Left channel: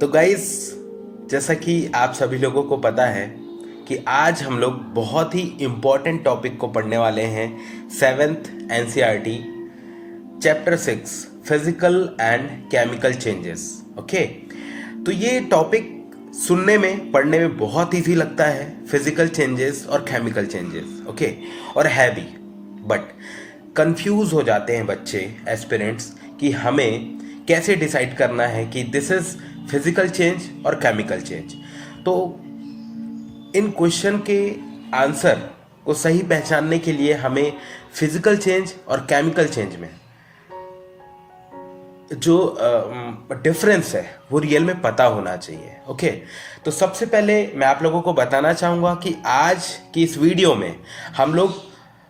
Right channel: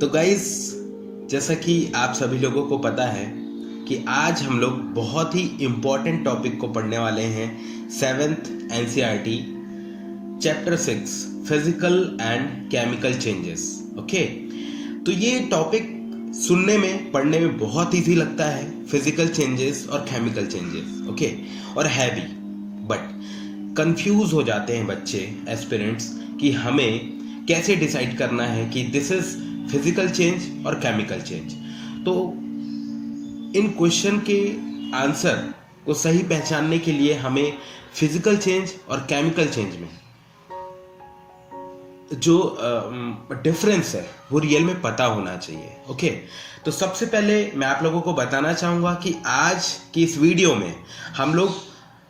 तो गाइस, जैसा कि आप सभी लोगों को पता है कि आज हम लोग बहुत ही इम्पोर्टेंट टॉपिक को पढ़ने वाले हैं। 7th NCERT chapter 6 physical and chemical changes. Okay, तो ये टॉपिक सुनने में पढ़ने में बहुत ईजी लगता है, फिजिकल चेंजेस और केमिकल चेंजेस। ओके, और है भी, बट कंफ्यूज हो जाते हैं बच्चे एस्पिरेंट्स कि हमें कैसे डिसाइड करना है कि दिस इज फिजिकल चेंज और केमिकल चेंज। तो इन क्वेश्चन के आंसर को सही पहचानने के लिए हमें फिजिकल चेंज और केमिकल चेंज में जो डिफरेंस है वो रियल में पता होना चाहिए। ओके, तो सबसे पहले मैं आप लोगों को बताना चाहूँगा कि आज की इस वीडियो में हम लोग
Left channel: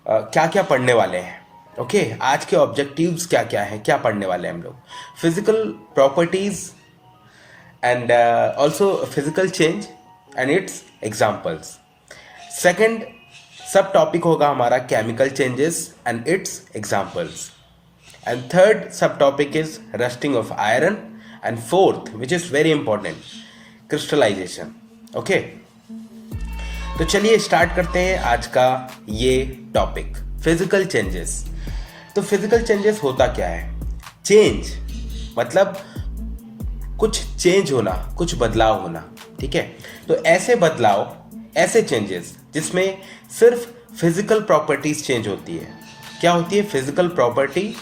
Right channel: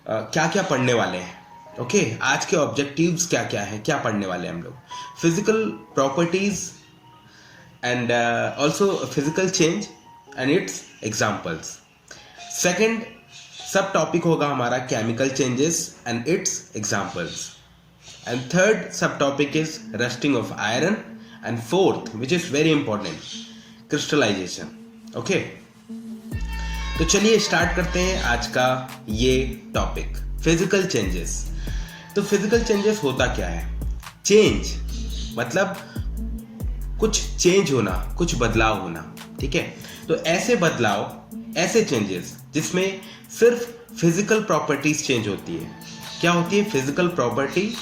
क्या क्या पढ़ने वाले हैं। ओके, आज के ऑब्जेक्टिव्स क्या क्या हैं, क्या पढ़ने वाले हैं हम लोग। Physical properties and also physical change and it's examples. Second सब टॉपिक होगा हमारा chemical changes and it's examples. And third subtopic is rusting of iron, and fourth, which is very important, crystallization. Okay, तो चलिए start करते हैं आज का ये टॉपिक, फिजिकल चेंजेस। तो फिजिकल चेंजेस होता क्या है? चेंज मतलब कुछ चेंज होना, कुछ बदलाव होना। ठीक है, तो ऐसे बदलाव, ऐसे चेंजेस जिसमें सिर्फ फिजिकल प्रॉपर्टीज चेंज होती है। क्या होती है? Physical property.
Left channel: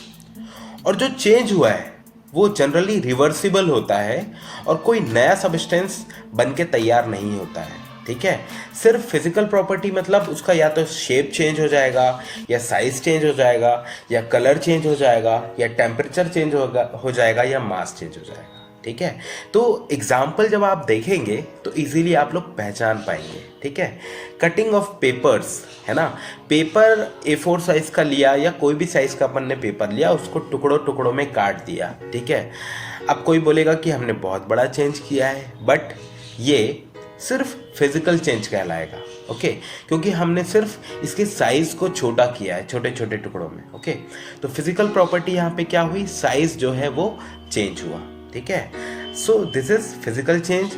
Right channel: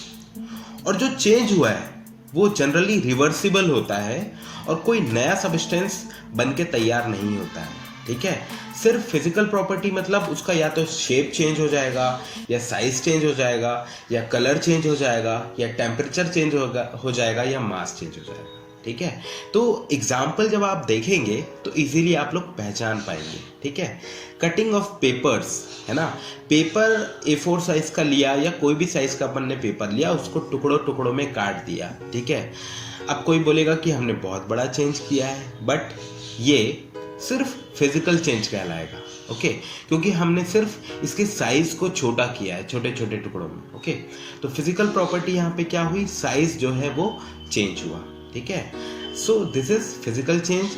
और जो चेंज हुआ है वो जनरली रिवर्सिबल होता है और कोई नया सब्सटेंस बन के तैयार नहीं होता है। ठीक है, सिर्फ फिजिकल प्रॉपर्टी मतलब उसका या तो शेप चेंज हो जाएगा, या साइज चेंज हो जाएगा, या कलर चेंज हो जाएगा, या टेम्परेचर चेंज हो जाएगा, या मास चेंज हो जाएगा। ठीक है, तो एग्जाम्पल जब आप देखेंगे तो इजीली आप लोग पहचान पाएंगे। ठीक है, कटिंग ऑफ पेपर्स है ना, पेपर A4 साइज का लिया या कोई भी साइज का अपन ने पेपर लिया, उसको टुकड़ों टुकड़ों में काट दिया। ठीक है, अब कोई बोलेगा कि हमने बहुत बड़ा चेंज किया है, बट ये सिर्फ फिजिकल चेंज कहलाएगा। ओके, क्योंकि हमने सिर्फ इसके साइज को छोटा किया है, छोटे छोटे टुकड़ों में। ओके, तो फिजिकल प्रॉपर्टी यहाँ पे क्या हुई? साइज जो है वो चेंज हुआ। ठीक है, so this is physical change.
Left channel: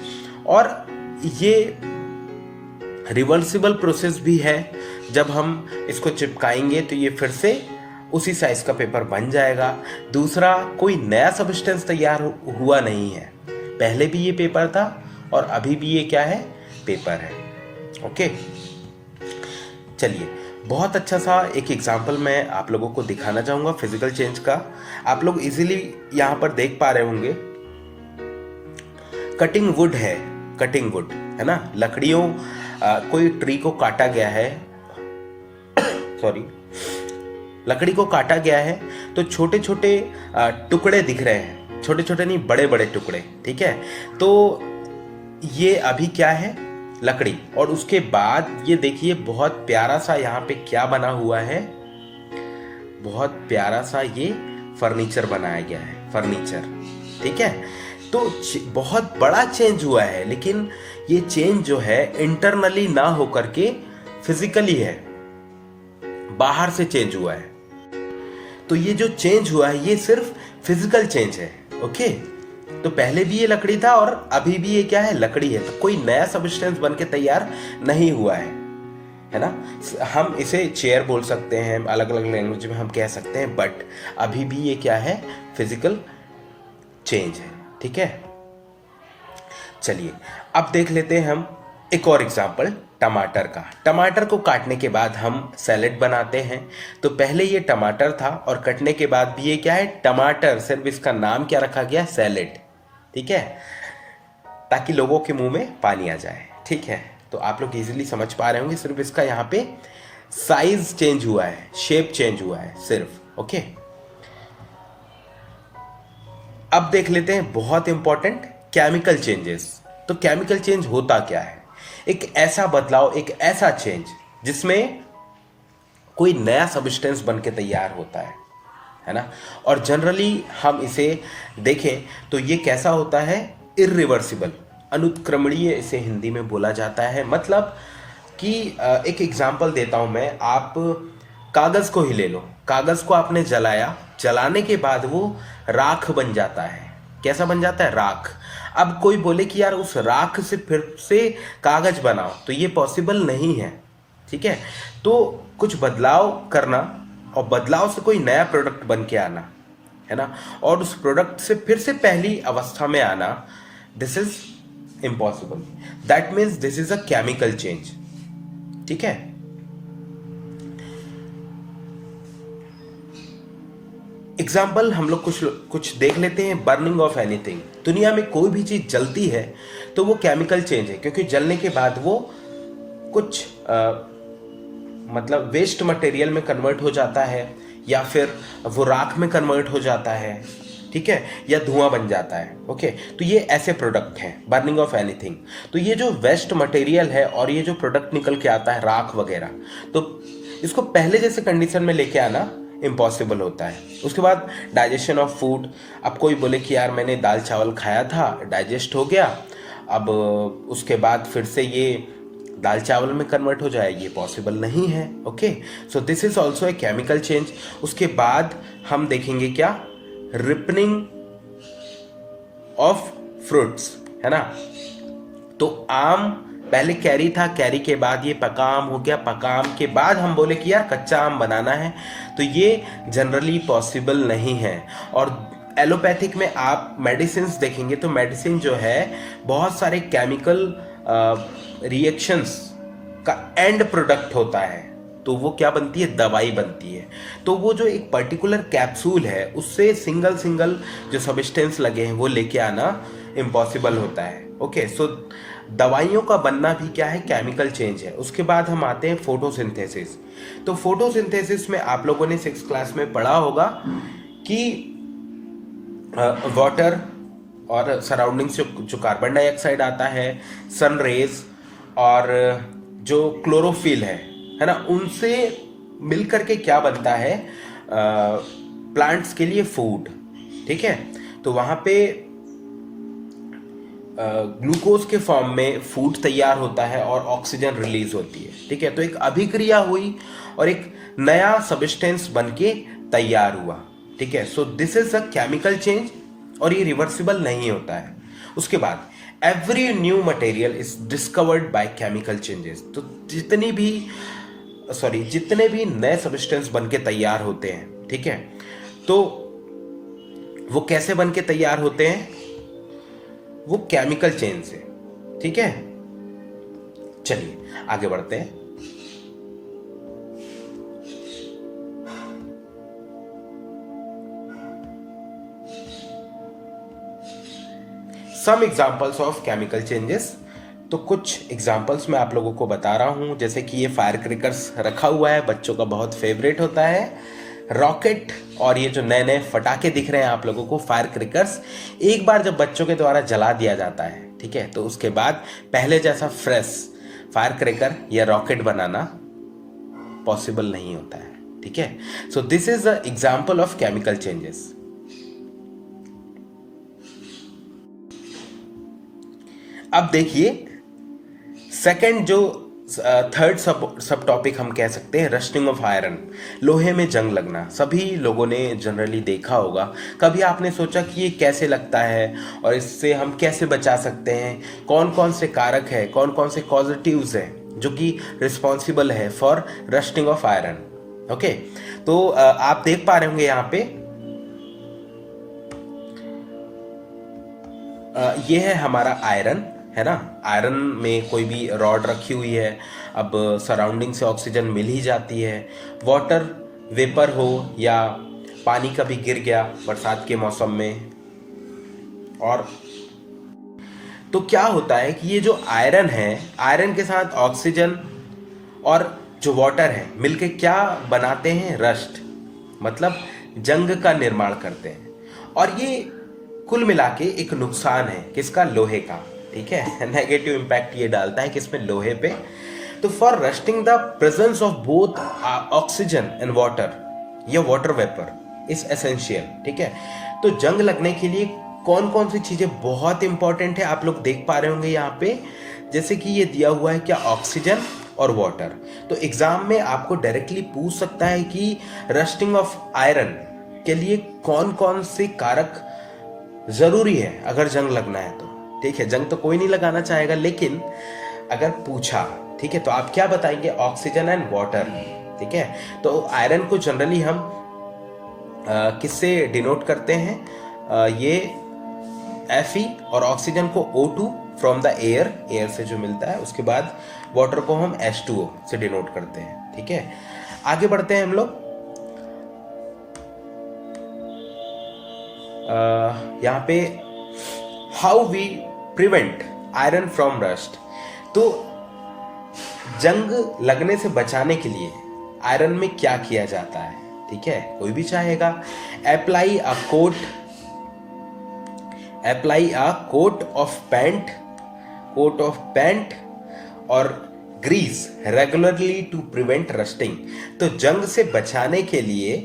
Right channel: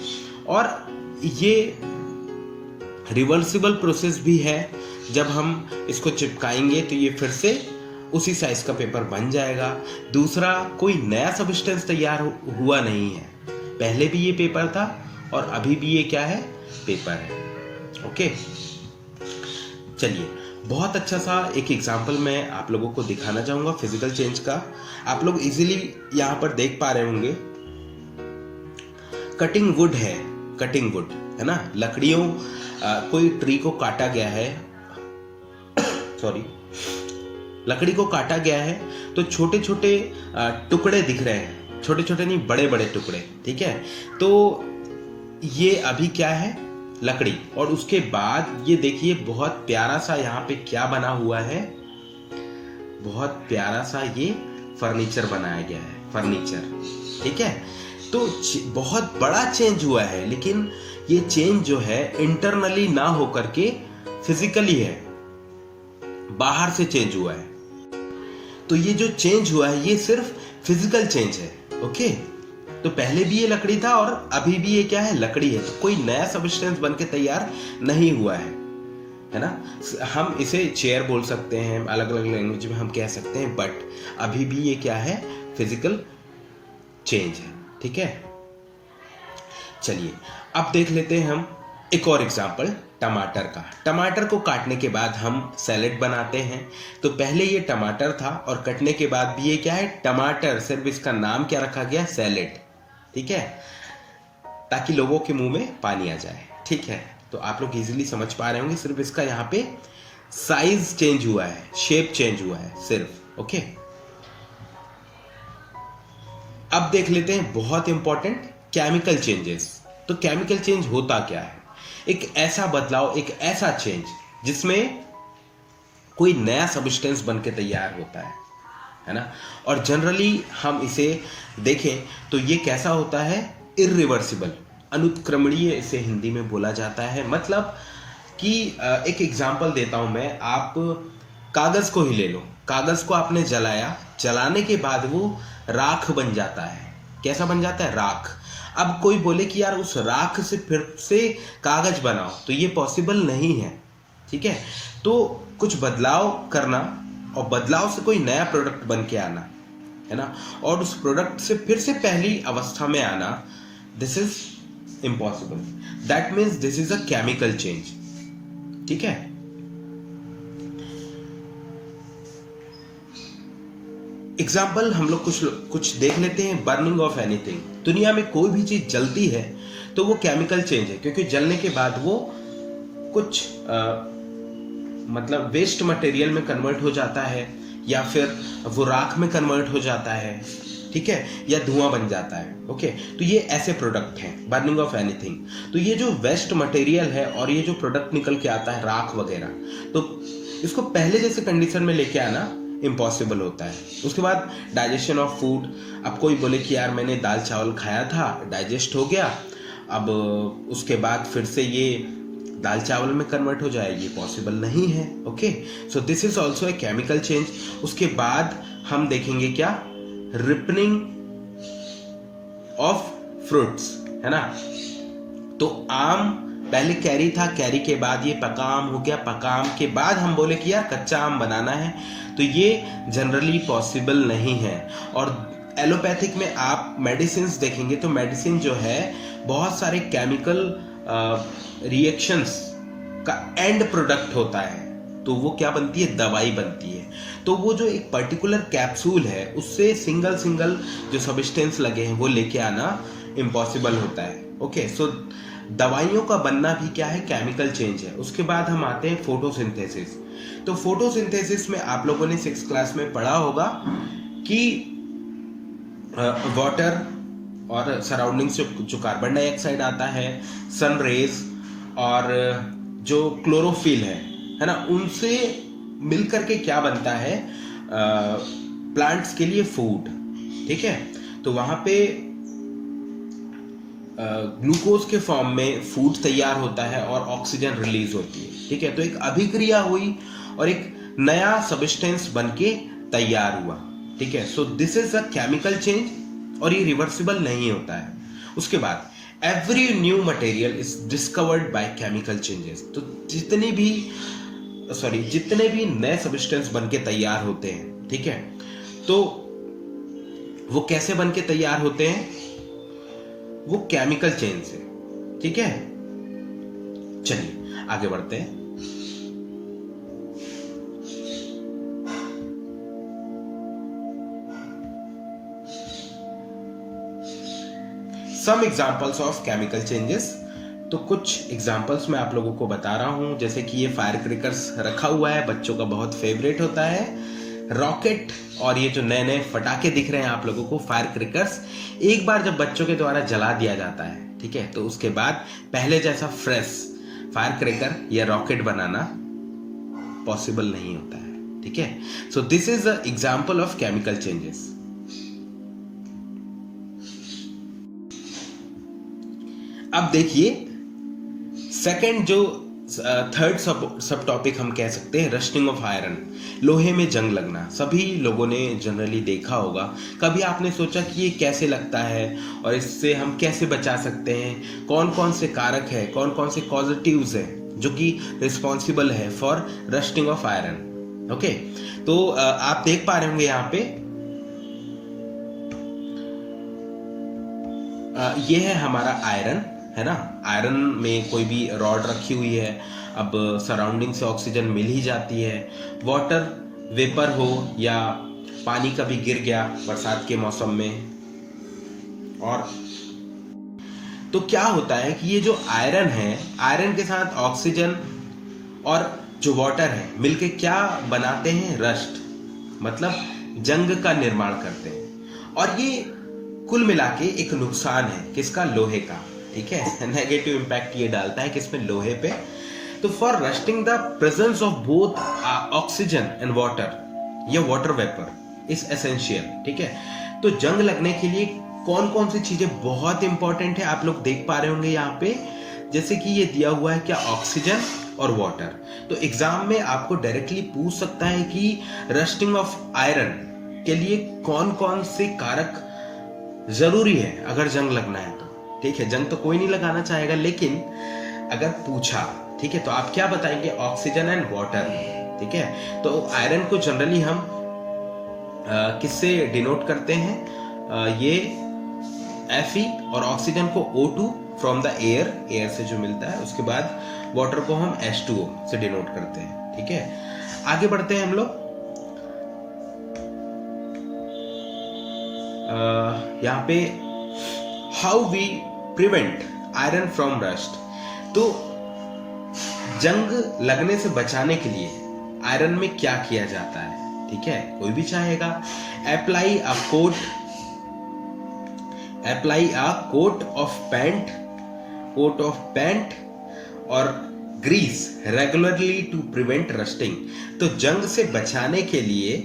और ये रिवर्सिबल प्रोसेस भी है, जब हम इसको चिपकाएंगे तो ये फिर से उसी साइज का पेपर बन जाएगा। दूसरा, कोई नया सब्सटेंस तैयार हुआ नहीं है, पहले भी ये पेपर था और अभी भी ये क्या है? पेपर है। ओके, चलिए बहुत अच्छा सा एक एग्जांपल मैं आप लोगों को दिखाना चाहूँगा फिजिकल चेंज का। आप लोग इजीली यहाँ पर देख पा रहे होंगे, कटिंग वुड है, कटिंग वुड है ना, लकड़ियों कोई ट्री को काटा गया है, सॉरी, लकड़ी को काटा गया है तो छोटे छोटे टुकड़े दिख रहे हैं, छोटे छोटे नहीं, बड़े बड़े टुकड़े। ठीक है, तो ये अभी क्या है? लकड़ी। और उसके बाद ये देखिए बहुत प्यारा सा यहाँ पे क्या बना हुआ है, बहुत प्यारा सा ये फर्नीचर बनाया गया है, फर्नीचर। ठीक है, तो बहुत बड़ा चेंज हुआ है, लेकिन ये चेंज जो है इंटरनली ना होकर के फिजिकली है, बाहर से चेंज हुआ है। तो ये जो चेंज हुआ है ये सिर्फ फिजिकल चेंज है। ओके, तो पहले भी ये लकड़ी था और अभी भी ये क्या है? लकड़ी है। तो कोई नया सब्सटेंस बन के तैयार नहीं हुआ है ना। हम इसे चेयर बोल सकते हैं, अलग अलग लैंग्वेज में हम कह सकते हैं, बट अभी भी ये क्या है? फिजिकल चेंज है। ठीक है, चलिए अब देख लेते हैं हम एक और एग्जांपल टमाटर का। टमाटर को काटने के बाद हम सैलेड बनाते हैं। तो पहले ये टमाटर था और कटने के बाद भी ये क्या है? टमाटर। सिर्फ इसका नाम क्या रखा गया? सैलेड। ठीक है, ताकि लोगों के मुंह में पानी आ जाए। ठीक है, तो आप लोग इजीली समझ पा रहे होंगे, सिर्फ इसका यहाँ पे साइज चेंज हुआ है, शेप चेंज हुआ है सिर्फ। ओके, अब देख लेते हैं बहुत इंपॉर्टेंट केमिकल चेंजेस। तो केमिकल चेंज होता क्या है? एक ऐसा बदलाव, एक ऐसा चेंज जिसमें कोई नया सब्सटेंस बन के तैयार होता है ना। और जनरली हम इसे देखें तो ये कैसा होता है? इरिवर्सिबल, अनुत्क्रमणीय इसे हिंदी में बोला जाता है। मतलब कि एक एग्जांपल देता हूं मैं, आप कागज को ही ले लो, कागज को आपने जलाया, जलाने के बाद वो राख बन जाता है। कैसा बन जाता है? राख। अब कोई बोले कि यार उस राख से फिर से कागज बनाओ, तो ये पॉसिबल नहीं है, ठीक है। तो कुछ बदलाव करना और बदलाव से कोई नया प्रोडक्ट बन के आना, है ना, और उस प्रोडक्ट से फिर से पहली अवस्था में आना, this is impossible. That means this is a chemical change, ठीक है। एग्जाम्पल हम लोग कुछ देख लेते हैं। बर्निंग ऑफ एनीथिंग, दुनिया में कोई भी चीज जलती है तो वो केमिकल चेंज है, क्योंकि जलने के बाद वो कुछ मतलब वेस्ट मटेरियल में कन्वर्ट हो जाता है, या फिर वो राख में कन्वर्ट हो जाता है, ठीक है, या धुआं बन जाता है। ओके, तो ये ऐसे प्रोडक्ट हैं, बर्निंग ऑफ एनीथिंग। तो ये जो वेस्ट मटेरियल है और ये जो प्रोडक्ट निकल के आता है राख वगैरह, तो इसको पहले जैसे कंडीशन में लेके आना इम्पॉसिबल होता है। उसके बाद डाइजेशन ऑफ फूड, अब कोई बोले कि यार मैंने दाल चावल खाया था, डाइजेस्ट हो गया, अब उसके बाद फिर से ये दाल चावल में कन्वर्ट हो जाए, ये पॉसिबल नहीं है। Okay, so this is also a chemical change. उसके बाद हम देखेंगे क्या, रिपनिंग ऑफ फ्रूट्स, है ना। तो आम पहले कैरी था, कैरी के बाद ये पका आम हो गया, पका आम के बाद हम बोले कि यार कच्चा आम बनाना है, तो ये जनरली पॉसिबल नहीं है। और एलोपैथिक में आप मेडिसिन देखेंगे तो मेडिसिन जो है बहुत सारे केमिकल रिएक्शंस का एंड प्रोडक्ट होता है, तो वो क्या बनती है, दवाई बनती है। तो वो जो एक पर्टिकुलर कैप्सूल है उससे सिंगल सिंगल जो सब्सटेंस लगे हैं वो लेके आना इम्पॉसिबल होता है। ओके, सो दवाइयों का बनना भी क्या है, केमिकल चेंज है। उसके बाद हम आते हैं फोटोसिंथेसिस। तो फोटोसिंथेसिस में आप लोगों ने 6th क्लास में पढ़ा होगा कि वाटर और सराउंडिंग से जो कार्बन डाइऑक्साइड आता है, सन रेज और जो क्लोरोफिल है ना, उनसे मिलकर के क्या बनता है, प्लांट्स के लिए फूड, ठीक है। तो वहां पे ग्लूकोज के फॉर्म में फूड तैयार होता है और ऑक्सीजन रिलीज होती है, ठीक है। तो एक अभिक्रिया हुई और एक नया सब्सटेंस बन के तैयार हुआ, ठीक है। So this is a chemical change और ये रिवर्सिबल नहीं होता है। उसके बाद every new material is discovered by chemical changes. तो जितने भी नए सब्सटेंस बन के तैयार होते हैं, ठीक है, तो वो कैसे बन के तैयार होते हैं, वो केमिकल चेंज से, ठीक है। चलिए आगे बढ़ते हैं। Some examples of chemical changes. तो कुछ एग्जाम्पल्स मैं आप लोगों को बता रहा हूं, जैसे कि ये फायर क्रैकर्स रखा हुआ है, बच्चों का बहुत फेवरेट होता है। रॉकेट और ये जो नए नए फटाके दिख रहे हैं आप लोगों को, फायर क्रैकर्स, एक बार जब बच्चों के द्वारा जला दिया जाता है, ठीक है, तो उसके बाद पहले जैसा फ्रेश फायर क्रैकर या रॉकेट बनाना पॉसिबल नहीं होता है, ठीक है। So this is the example of chemical changes. अब देखिए सेकंड जो थर्ड सब टॉपिक हम कह सकते हैं, रस्टिंग ऑफ आयरन, लोहे में जंग लगना। सभी लोगों ने जनरली देखा होगा। कभी आपने सोचा कि ये कैसे लगता है और इससे हम कैसे बचा सकते हैं, कौन कौन से कारक है, कौन कौन से कॉजेटिव्स है जो कि रिस्पॉन्सिबल है for rusting of iron. Okay, तो आप देख पा रहे होंगे यहाँ पे ये है हमारा आयरन, है ना। आयरन में कोई भी रॉड रखी हुई है, अब सराउंडिंग से ऑक्सीजन मिल ही जाती है। वाटर वेपर हो या पानी कभी गिर गया बरसात के मौसम में, और तो क्या होता है कि ये जो आयरन है, आयरन के साथ ऑक्सीजन और जो वाटर है मिलके क्या बनाते हैं, रस्ट, मतलब जंग का निर्माण करते हैं। और ये कुल मिला के एक नुकसान है किसका, लोहे का, ठीक है। नेगेटिव इंपैक्ट ये डालता है किसमें, लोहे पे। तो for rusting the presence of both oxygen and water या वाटर वेपर इज एसेंशियल, ठीक है। तो जंग लगने के लिए कौन कौन सी चीजें बहुत इंपॉर्टेंट है आप लोग देख पा रहे होंगे यहाँ पे, जैसे कि ये दिया हुआ है क्या, ऑक्सीजन और वाटर। तो एग्जाम में आपको डायरेक्टली पूछ सकता है कि रस्टिंग ऑफ आयरन के लिए कौन कौन से कारक जरूरी है अगर जंग लगना है तो, ठीक है, जंग तो कोई नहीं लगाना चाहेगा, लेकिन अगर पूछा, ठीक है, तो आप क्या बताएंगे? Oxygen and water. ठीक है, तो आयरन को जनरली हम किससे डिनोट करते हैं? ये Fe और ऑक्सीजन को O2 फ्रॉम द एयर से जो मिलता है, उसके बाद वाटर को हम H2O से डिनोट करते हैं। ठीक है, आगे बढ़ते हैं हम लोग। यहाँ पे how we prevent iron from rust. तो जंग लगने से बचाने के लिए आयरन में क्या किया जाता है? ठीक है, कोई भी चाहेगा, apply a coat of paint और grease regularly to prevent rusting. तो जंग से बचाने के लिए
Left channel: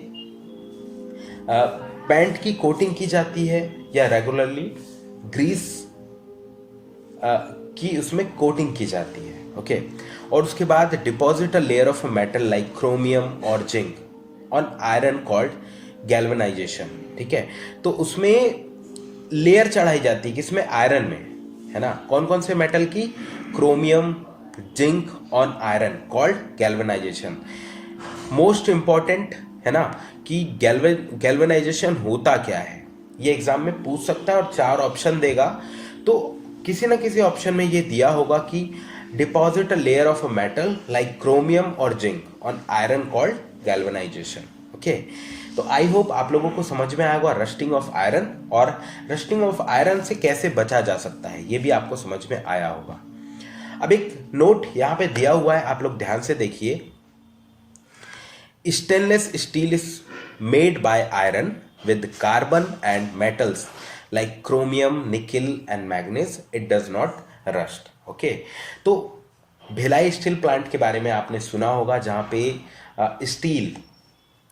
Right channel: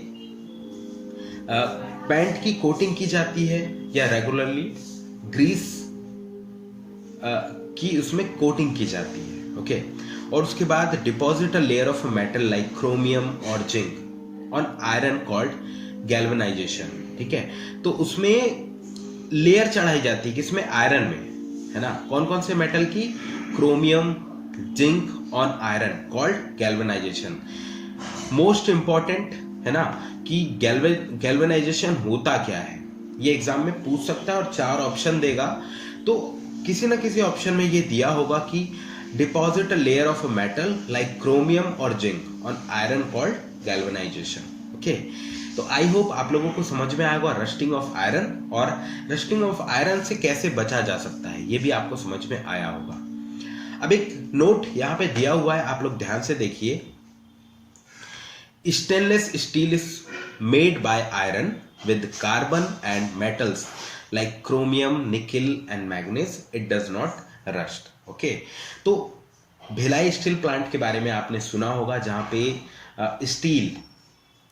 पेंट की कोटिंग की जाती है या रेगुलरली ग्रीस की उसमें कोटिंग की जाती है। ओके, और उसके बाद deposit a layer of metal like chromium और zinc on iron called galvanization. ठीक है, तो उसमें लेयर चढ़ाई जाती है, किसमें? आयरन में, है ना। कौन कौन से मेटल की? Chromium, zinc on iron called galvanisation. Most important है ना कि गैल्वेनाइजेशन होता क्या है, ये एग्जाम में पूछ सकता है और 4 ऑप्शन देगा। तो किसी ना किसी ऑप्शन में ये दिया होगा कि deposit a layer of a metal like chromium और zinc on iron called galvanization. Okay, तो आई होप आप लोगों को समझ में आएगा रस्टिंग ऑफ आयरन, और रस्टिंग ऑफ आयरन से कैसे बचा जा सकता है ये भी आपको समझ में आया होगा। अब एक नोट यहाँ पे दिया हुआ है, आप लोग ध्यान से देखिए। Stainless steel is made by iron with carbon and metals like chromium, nickel and manganese. It does not rust. Okay, तो भिलाई स्टील प्लांट के बारे में आपने सुना होगा, जहाँ पे स्टील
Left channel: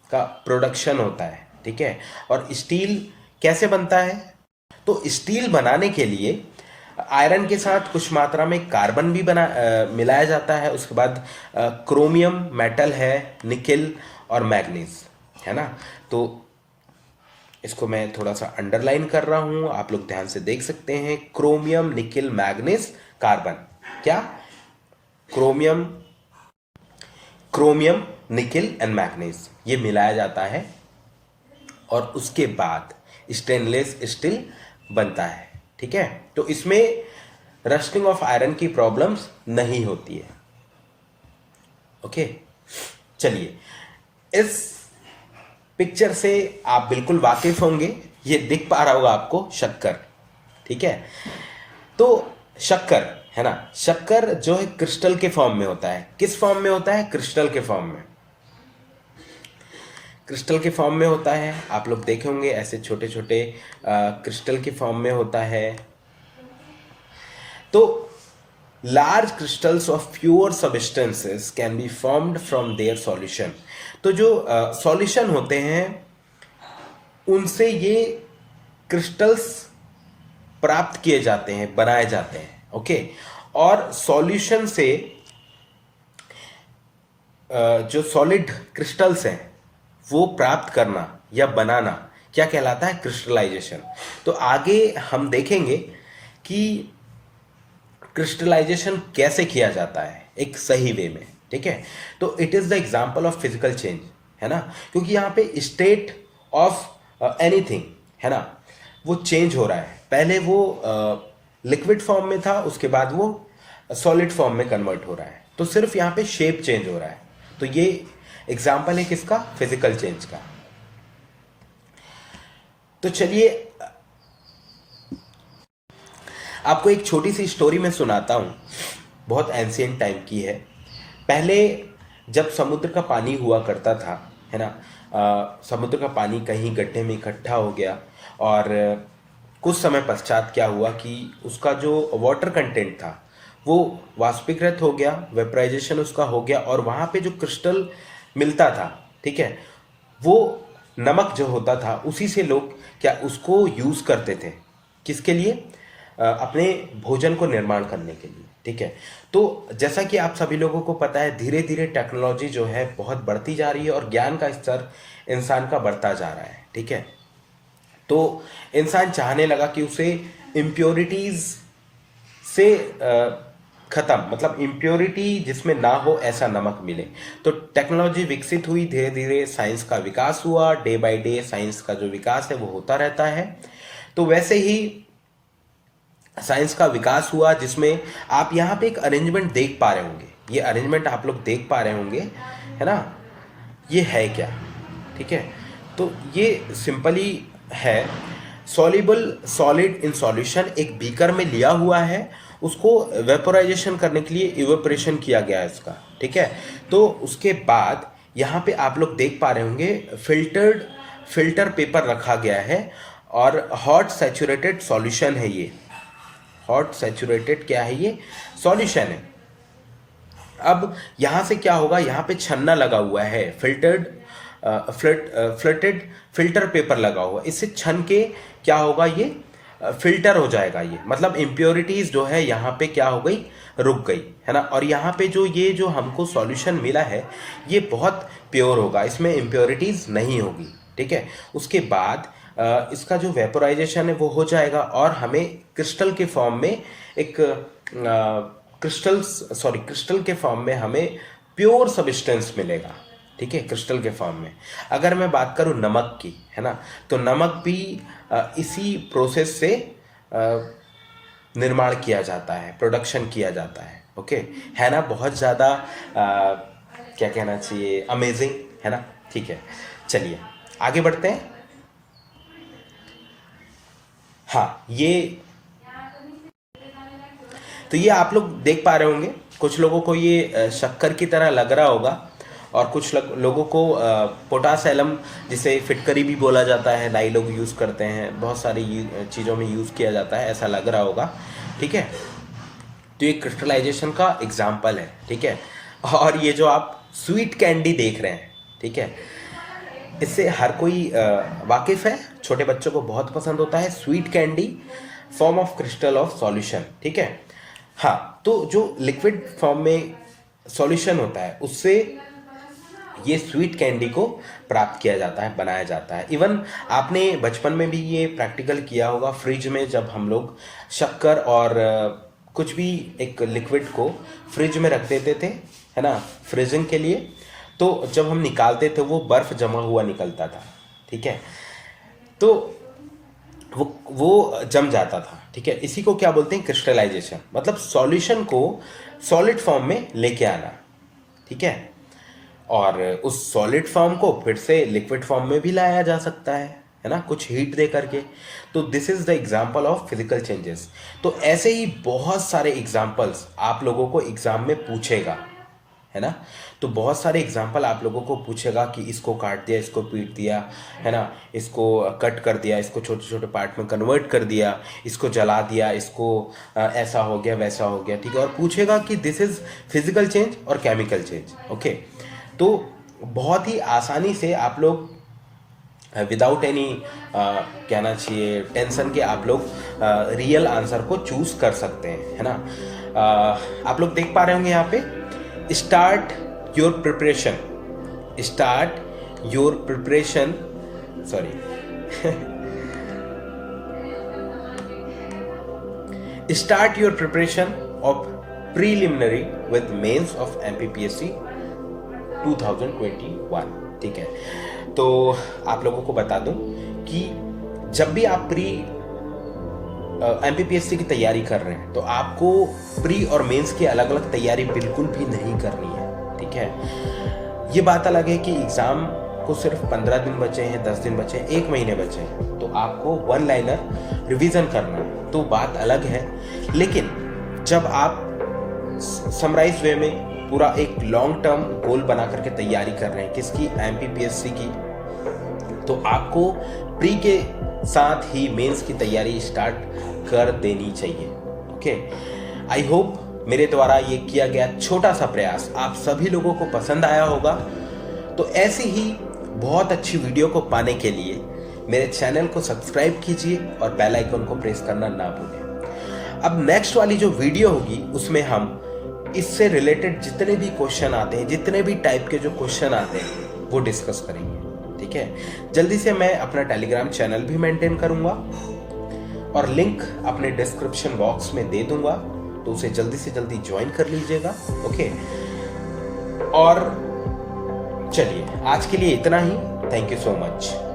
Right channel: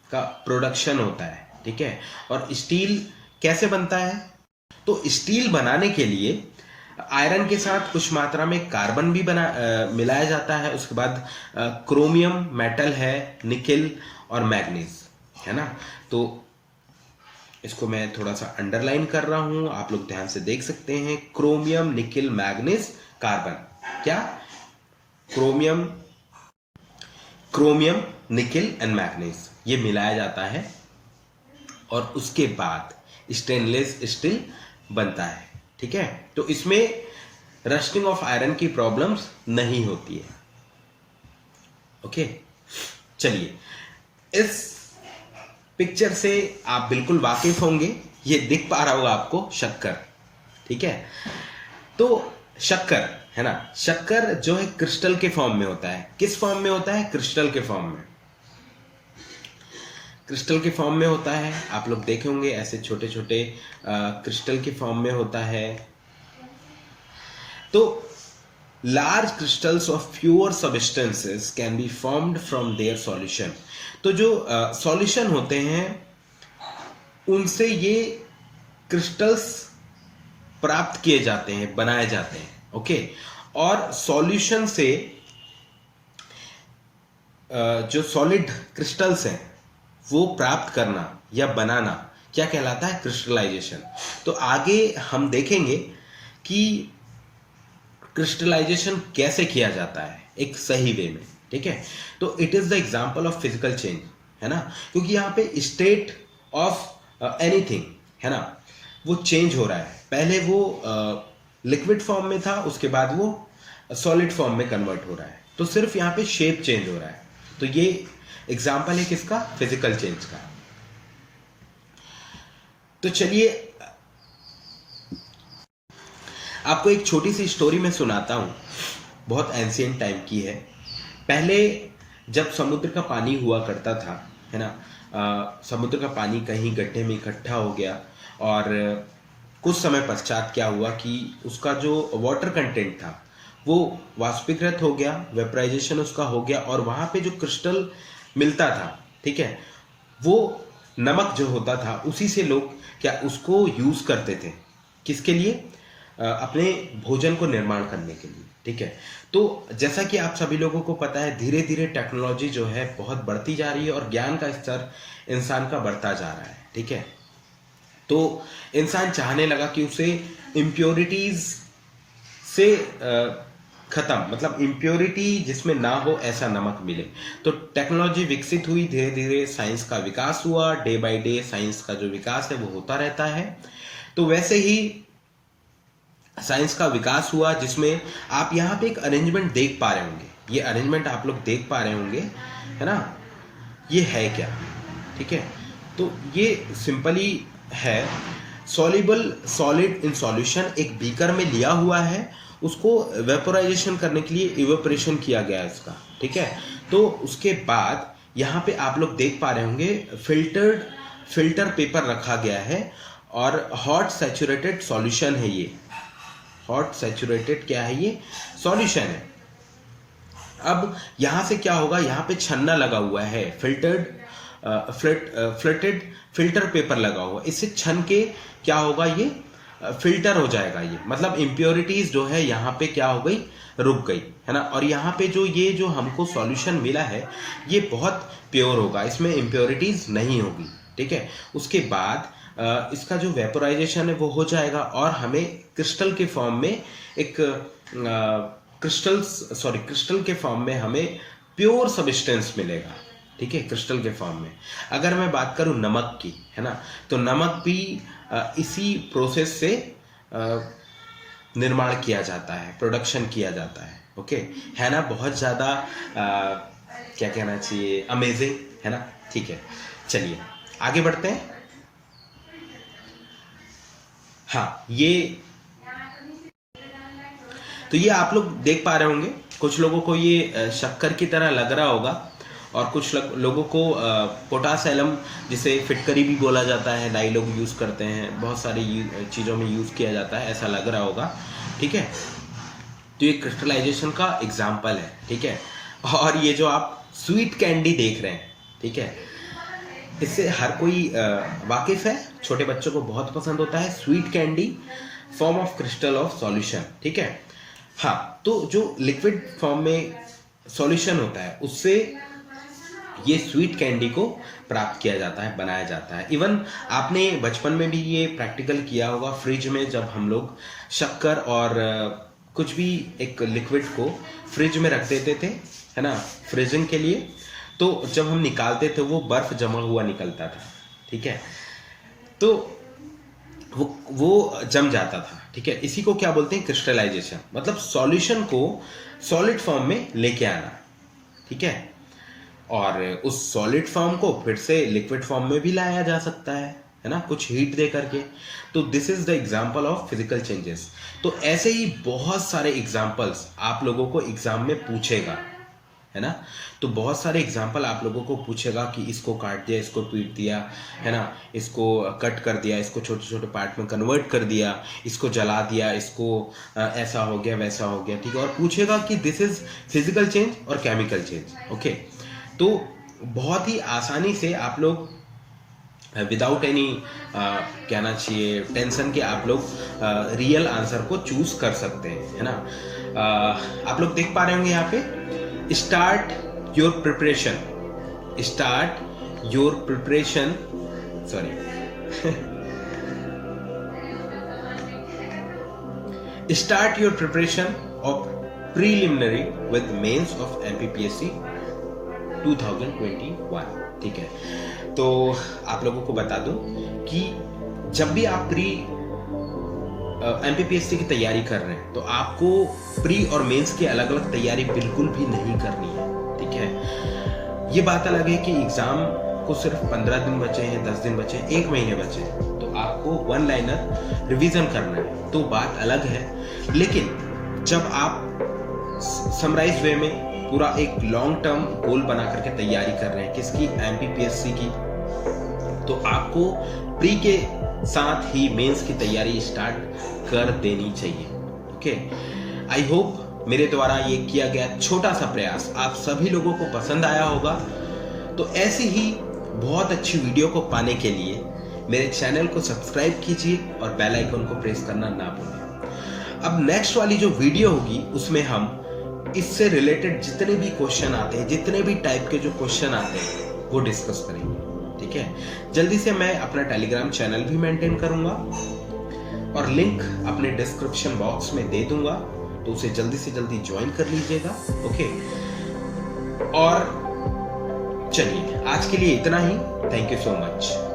का प्रोडक्शन होता है। ठीक है, और स्टील कैसे बनता है? तो स्टील बनाने के लिए आयरन के साथ कुछ मात्रा में कार्बन भी मिलाया जाता है। उसके बाद क्रोमियम मेटल है, निकेल और मैग्नीज, है ना। तो इसको मैं थोड़ा सा अंडरलाइन कर रहा हूं, आप लोग ध्यान से देख सकते हैं। Chromium, nickel, manganese, carbon. क्या? क्रोमियम, निकेल एंड मैग्नीज, ये मिलाया जाता है और उसके बाद स्टेनलेस स्टील बनता है। ठीक है, तो इसमें रस्टिंग ऑफ आयरन की प्रॉब्लम्स नहीं होती है। ओके, चलिए, इस पिक्चर से आप बिल्कुल वाकिफ होंगे, ये दिख पा रहा होगा आपको, शक्कर। ठीक है, तो शक्कर, है ना, शक्कर जो है क्रिस्टल के फॉर्म में होता है। किस फॉर्म में होता है? क्रिस्टल के फॉर्म में। क्रिस्टल के फॉर्म में होता है, आप लोग देखे होंगे ऐसे छोटे छोटे क्रिस्टल के फॉर्म में होता है। तो large crystals of pure substances can be formed from their solution. तो जो सॉल्यूशन होते हैं उनसे ये क्रिस्टल्स प्राप्त किए जाते हैं, बनाए जाते हैं। ओके, और सॉल्यूशन से जो सॉलिड क्रिस्टल्स हैं वो प्राप्त करना या बनाना क्या कहलाता है? क्रिस्टलाइजेशन। तो आगे हम देखेंगे कि क्रिस्टलाइजेशन कैसे किया जाता है एक सही वे में। ठीक है, तो it is the example of physical change, है ना, क्योंकि यहाँ पे स्टेट ऑफ एनीथिंग, है ना, वो चेंज हो रहा है। पहले वो लिक्विड फॉर्म में था, उसके बाद वो सॉलिड फॉर्म में कन्वर्ट हो रहा है। तो सिर्फ यहाँ पे शेप चेंज हो रहा है। तो ये एग्जांपल है किसका? फिजिकल चेंज का। तो चलिए आपको एक छोटी सी स्टोरी में सुनाता हूं, बहुत एंशिएंट टाइम की है। पहले जब समुद्र का पानी हुआ करता था, है ना, समुद्र का पानी कहीं गड्ढे में इकट्ठा हो गया और कुछ समय पश्चात क्या हुआ कि उसका जो वाटर कंटेंट था वो वाष्पीकृत हो गया, वेपराइजेशन उसका हो गया, और वहाँ पे जो क्रिस्टल मिलता था, ठीक है, वो नमक जो होता था उसी से लोग क्या उसको यूज़ करते थे, किसके लिए? अपने भोजन को निर्माण करने के लिए। ठीक है, तो जैसा कि आप सभी लोगों को पता है, धीरे धीरे टेक्नोलॉजी जो है बहुत बढ़ती जा रही है और ज्ञान का स्तर इंसान का बढ़ता जा रहा है। ठीक है, तो इंसान चाहने लगा कि उसे इम्प्योरिटीज़ से खत्म, मतलब इम्प्योरिटी जिसमें ना हो ऐसा नमक मिले। तो टेक्नोलॉजी विकसित हुई, धीरे धीरे साइंस का विकास हुआ, डे बाय डे साइंस का जो विकास है वो होता रहता है। तो वैसे ही साइंस का विकास हुआ, जिसमें आप यहाँ पे एक अरेंजमेंट देख पा रहे होंगे, ये अरेंजमेंट आप लोग देख पा रहे होंगे, है ना। ये है क्या, ठीक है। तो ये सिंपली है सॉल्युबल सॉलिड इन सॉल्यूशन, एक बीकर में लिया हुआ है, उसको वेपोराइजेशन करने के लिए इवेपोरेशन किया गया है इसका, ठीक है। तो उसके बाद यहाँ पे आप लोग देख पा रहे होंगे फिल्टर पेपर रखा गया है और हॉट सैचुरेटेड सॉल्यूशन है ये, हॉट सैचुरेटेड क्या है ये, सॉल्यूशन है। अब यहाँ से क्या होगा, यहाँ पे छन्ना लगा हुआ है, फ्लटेड फिल्टर पेपर लगा हुआ, इससे छन के क्या होगा, ये फिल्टर हो जाएगा, ये मतलब इम्प्योरिटीज जो है यहाँ पे क्या हो गई, रुक गई, है ना। और यहाँ पे जो हमको सॉल्यूशन मिला है ये बहुत प्योर होगा, इसमें इम्प्योरिटीज नहीं होगी, ठीक है। उसके बाद इसका जो वेपोराइजेशन है वो हो जाएगा और हमें क्रिस्टल के फॉर्म में एक क्रिस्टल के फॉर्म में हमें प्योर सब्सटेंस मिलेगा, ठीक है, क्रिस्टल के फॉर्म में। अगर मैं बात करूं नमक की, है ना, तो नमक भी इसी प्रोसेस से निर्माण किया जाता है, प्रोडक्शन किया जाता है, ओके, है ना। बहुत ज़्यादा क्या कहना चाहिए, अमेजिंग, है ना। ठीक है, चलिए आगे बढ़ते हैं। हाँ, तो ये आप लोग देख पा रहे होंगे, कुछ लोगों को ये शक्कर की तरह लग रहा होगा और कुछ लोगों को पोटास एलम, जिसे फिटकरी भी बोला जाता है, नाई लोग यूज़ करते हैं, बहुत सारी चीज़ों में यूज़ किया जाता है, ऐसा लग रहा होगा, ठीक है। तो ये क्रिस्टलाइजेशन का एग्जाम्पल है, ठीक है। और ये जो आप स्वीट कैंडी देख रहे हैं, ठीक है, इससे हर कोई वाकिफ है, छोटे बच्चों को बहुत पसंद होता है। Sweet candy form of crystal of solution, ठीक है। हाँ, तो जो लिक्विड फॉर्म में सॉल्यूशन होता है उससे ये स्वीट कैंडी को प्राप्त किया जाता है, बनाया जाता है। इवन आपने बचपन में भी ये प्रैक्टिकल किया होगा, फ्रिज में जब हम लोग शक्कर और कुछ भी एक लिक्विड को फ्रिज में रख देते थे, है ना, फ्रीजिंग के लिए, तो जब हम निकालते थे वो बर्फ जमा हुआ निकलता था, ठीक है, तो वो जम जाता था, ठीक है। इसी को क्या बोलते हैं, क्रिस्टलाइजेशन, मतलब सॉल्यूशन को सॉलिड फॉर्म में लेके आना, ठीक है। और उस सॉलिड फॉर्म को फिर से लिक्विड फॉर्म में भी लाया जा सकता है ना, कुछ हीट दे करके। तो this is the example of physical changes. तो ऐसे ही बहुत सारे एग्जांपल्स आप लोगों को एग्जाम में पूछेगा, है ना। तो बहुत सारे एग्जाम्पल आप लोगों को पूछेगा कि इसको काट दिया, इसको पीट दिया, है ना, इसको कट कर दिया, इसको छोटे छोटे पार्ट में कन्वर्ट कर दिया, इसको जला दिया, इसको ऐसा हो गया, वैसा हो गया, ठीक है। और पूछेगा कि दिस इज फिजिकल चेंज और केमिकल चेंज, ओके। तो बहुत ही आसानी से आप लोग विदाउट एनी कहना चाहिए टेंशन के आप लोग रियल आंसर को चूज कर सकते हैं, है ना। आप लोग देख पा रहे होंगे यहाँ पे, start your preparation, sorry start your preparation of preliminary with mains of MPPSC 2021, ठीक है। तो आप लोगों को बता दूं कि जब भी आप MPPSC की तैयारी कर रहे हैं तो आपको प्री और मेंस की अलग अलग तैयारी बिल्कुल भी नहीं करनी है, ठीक है। ये बात अलग है कि एग्ज़ाम को सिर्फ 15 दिन बचे हैं, 10 दिन बचे हैं, 1 महीने बचे हैं, तो आपको वन लाइनर रिवीजन करना है, तो बात अलग है। लेकिन जब आप समराइज वे में पूरा एक लॉन्ग टर्म गोल बना करके तैयारी कर रहे हैं किसकी, MPPSC की, तो आपको प्री के साथ ही मेंस की तैयारी स्टार्ट कर देनी चाहिए, ओके। आई होप मेरे द्वारा ये किया गया छोटा सा प्रयास आप सभी लोगों को पसंद आया होगा। तो ऐसी ही बहुत अच्छी वीडियो को पाने के लिए मेरे चैनल को सब्सक्राइब कीजिए और बेल आइकन को प्रेस करना ना भूलें। अब नेक्स्ट वाली जो वीडियो होगी उसमें हम इससे रिलेटेड जितने भी क्वेश्चन आते हैं, जितने भी टाइप के जो क्वेश्चन आते हैं वो डिस्कस करेंगे, ठीक है। जल्दी से मैं अपना टेलीग्राम चैनल भी मेंटेन करूंगा और लिंक अपने डिस्क्रिप्शन बॉक्स में दे दूंगा। तो उसे जल्दी से जल्दी ज्वाइन कर लीजिएगा। ओके, और चलिए आज के लिए इतना ही। Thank you so much.